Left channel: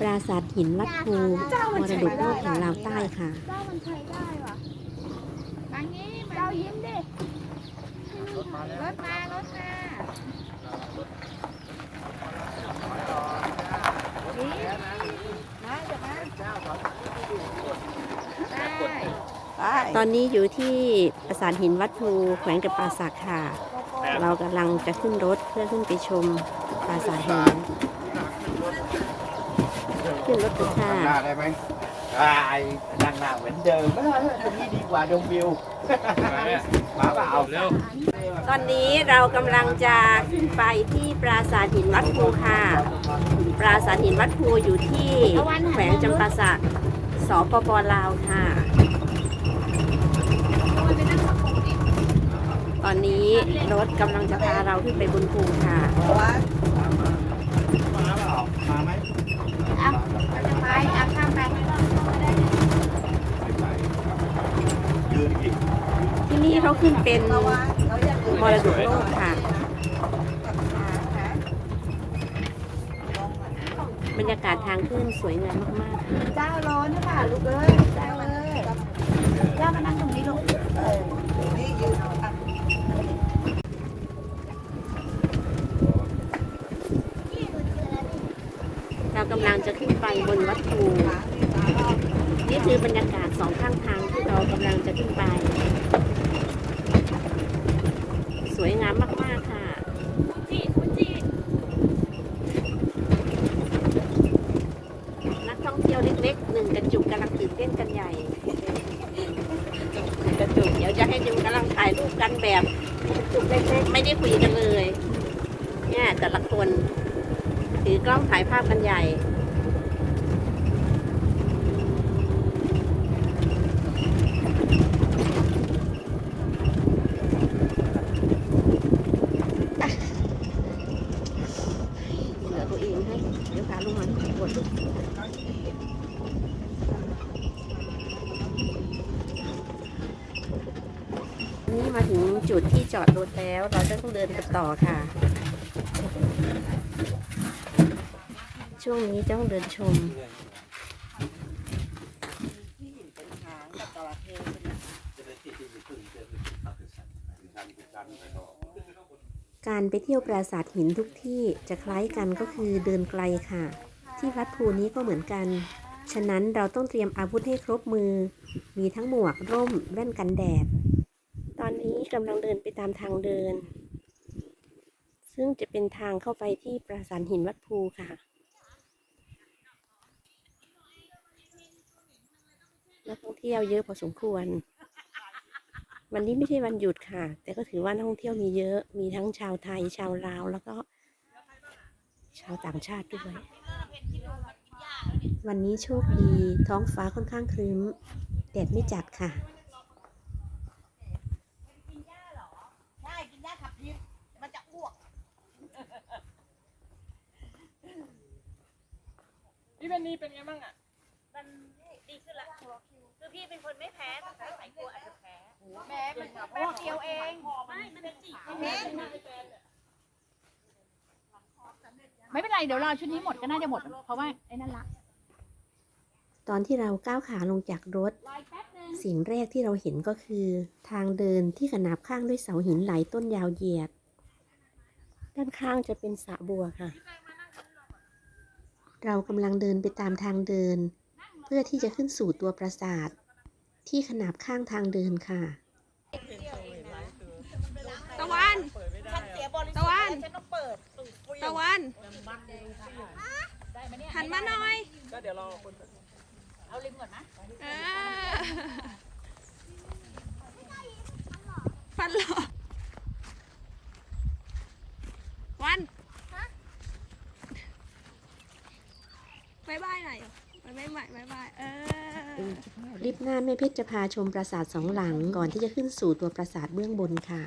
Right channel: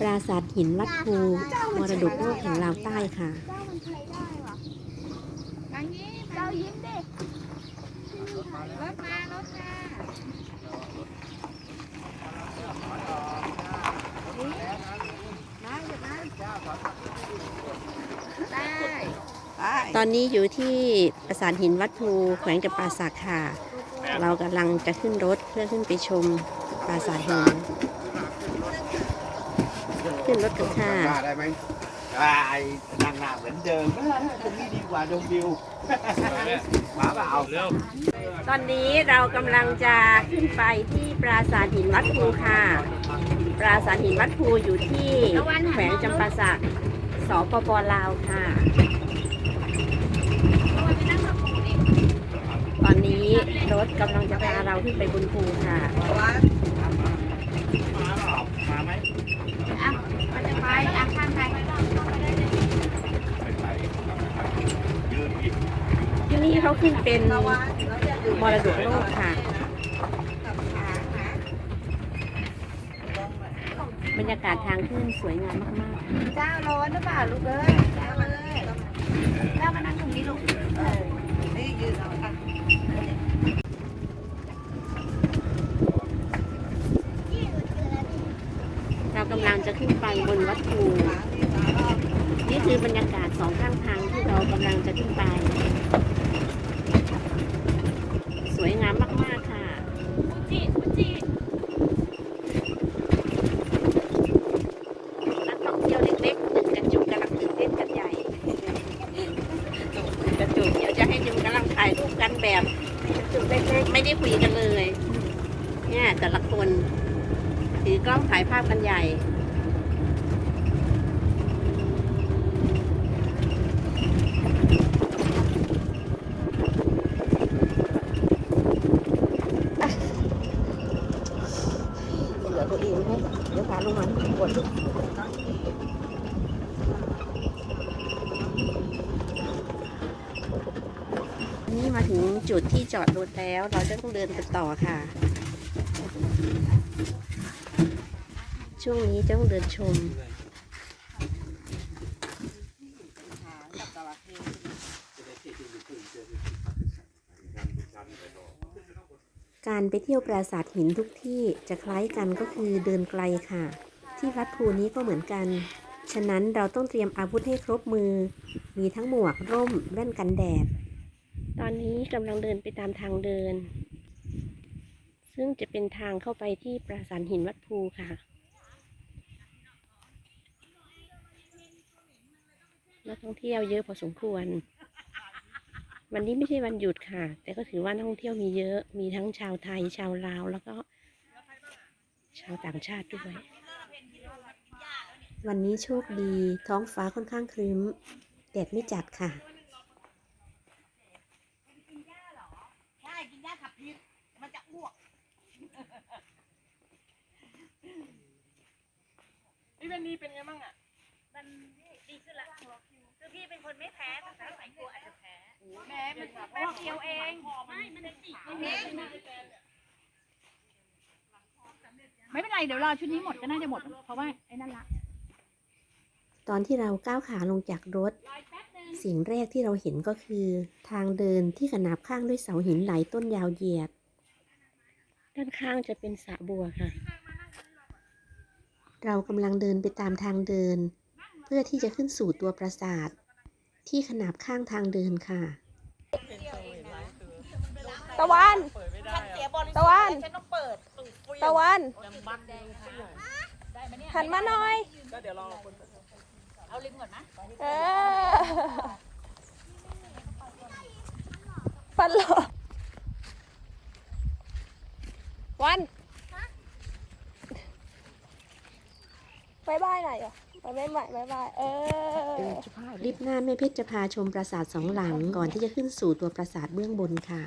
ปราสาทหินวัดภูมรดกโลกแห่งลาวใต้ค่ะ เจ้ามันเคยได้ว่ะทางนี้เจ้ายิ้มดิรถมารถมานี่มาอย่ามาได้ได้ตอนนี้อยู่ที่ปราสาทหินวัดภูแขวงกับปราสักค่ะ เรากำลังจะขึ้นรถเพื่อขึ้นไปชมปราสาทหิน ขึ้นรถกันค่ะหน้าได้ไหมได้นั่งหน้าเหมือนเดิมเออตรงนี้ดีกว่าดมวิวมาเปล่าเร็วตอนนี้เรากำลังจะขึ้นไปที่ปราสาทหินวัดภูค่ะ ปราสาทหินวัดภูอยู่ที่แขวงจำปาสักสปปลาวค่ะ ตอนนี้รถกำลังจะพาเราขึ้นไปบนภูค่ะ ว่า มาเปล่ามาไหม อะไปอะข้ามไป ยืนอีก ที่นี่เขึ้นเป็นมรดกโลกค่ะ บรรยากาศทางขึ้นสวยงามมากๆเจ้าร้อนหรือเปล่าลูกเอ้ยเจ้าเอ้ยเจ้ามานั่งตรงนี้ลูกเออนี่ยืนเอาอะเรากำลังจะขึ้นไปบนวัดภูนี่คือบรรยากาศสองข้างทางที่เรากำลังจะขึ้นไป สวยงามมาก ๆ ค่ะ นักท่องเที่ ยวเล็กๆหนึ่งกระจุกกำลังตื่นเต้นกันใหญ่กระจุกเดี๋ยวจะให้ดูกำลังถ่ายรูปกันแบบกระจุกเล็กๆไม่ได้คุยกันเลย เนี่ยแต่ละคนถือกล้องถ่ายภาพกันใหญ่ เหลือ ตัวเองให้เดี๋ยวพาลงมากดนี่มาถึงจุดที่จอดรถแล้ว เราจะต้องเดินกันต่อค่ะ ช่วงนี้จะต้องเดินชม การไปเที่ยวปราสาทหินทุกที่จะคล้ายกันก็คือเดินไกลค่ะ ที่วัดภูนี้ก็เหมือนกัน ฉะนั้นเราต้องเตรียมอาวุธให้ครบมือ มีทั้งหมวกร่มแว่นกันแดด ตอนนี้กำลังเดินไปตามทางเดิน ซึ่งจะเป็นทางเข้าไปที่ปราสาทหินวัดภูค่ะ นักท่องเที่ยวเยอะพอสมควร วันนี้ไม่ใช่วันหยุดค่ะ แต่ก็ถือว่านักท่องเที่ยวมีเยอะ มีทั้งชาวไทย ชาวลาว แล้วก็ชาวต่างชาติด้วย วันนี้โชคดีท้องฟ้าค่อนข้างครึ้มแดดไม่จัดค่ะใช่ กินยาขับพิษมันจะอ้วก พี่เป็นนี่เป็นไงบ้างอะ มันดีขึ้นละ คือพี่เป็นคนไม่แพ้แต่สมัยกลัวอาจจะแพ้ แหม่มันแป๊บเดียวเองไม่มันเป็นสีไม่เป็นไร เดี๋ยวรอชุดนี้หมดก็น่าจะหมด เพราะว่าไอ้นั่นละ ตอนที่เราก้าวขาลงจากรถ สิ่งแรกที่เราเห็นก็คือ ทางเดินที่ขนาบข้างด้วยเสาหินหลายต้นยาวเหยียด ด้านข้างจะเป็นสระบัวค่ะ เรากำลังเดินไปตามทางเดิน เพื่อที่จะขึ้นสู่ตัวปราสาท ที่ขนาบข้างทางเดินค่ะ ตะวัน ฉันเสียบริสุทตะวันธิ์ฉันต้องเปิดตะวันหันมาหน่อย ก็เดี๋ยวรอคนเอาลิมก่อนนะเออฟันหลอวัน บายบายหน่อยเหรอบายบายบายบายเออริบหน้าแม่เพชรจะพาชมปราสาทสองหลังก่อนที่จะขึ้นสู่ตัวปราสาทเบื้องบนค่ะ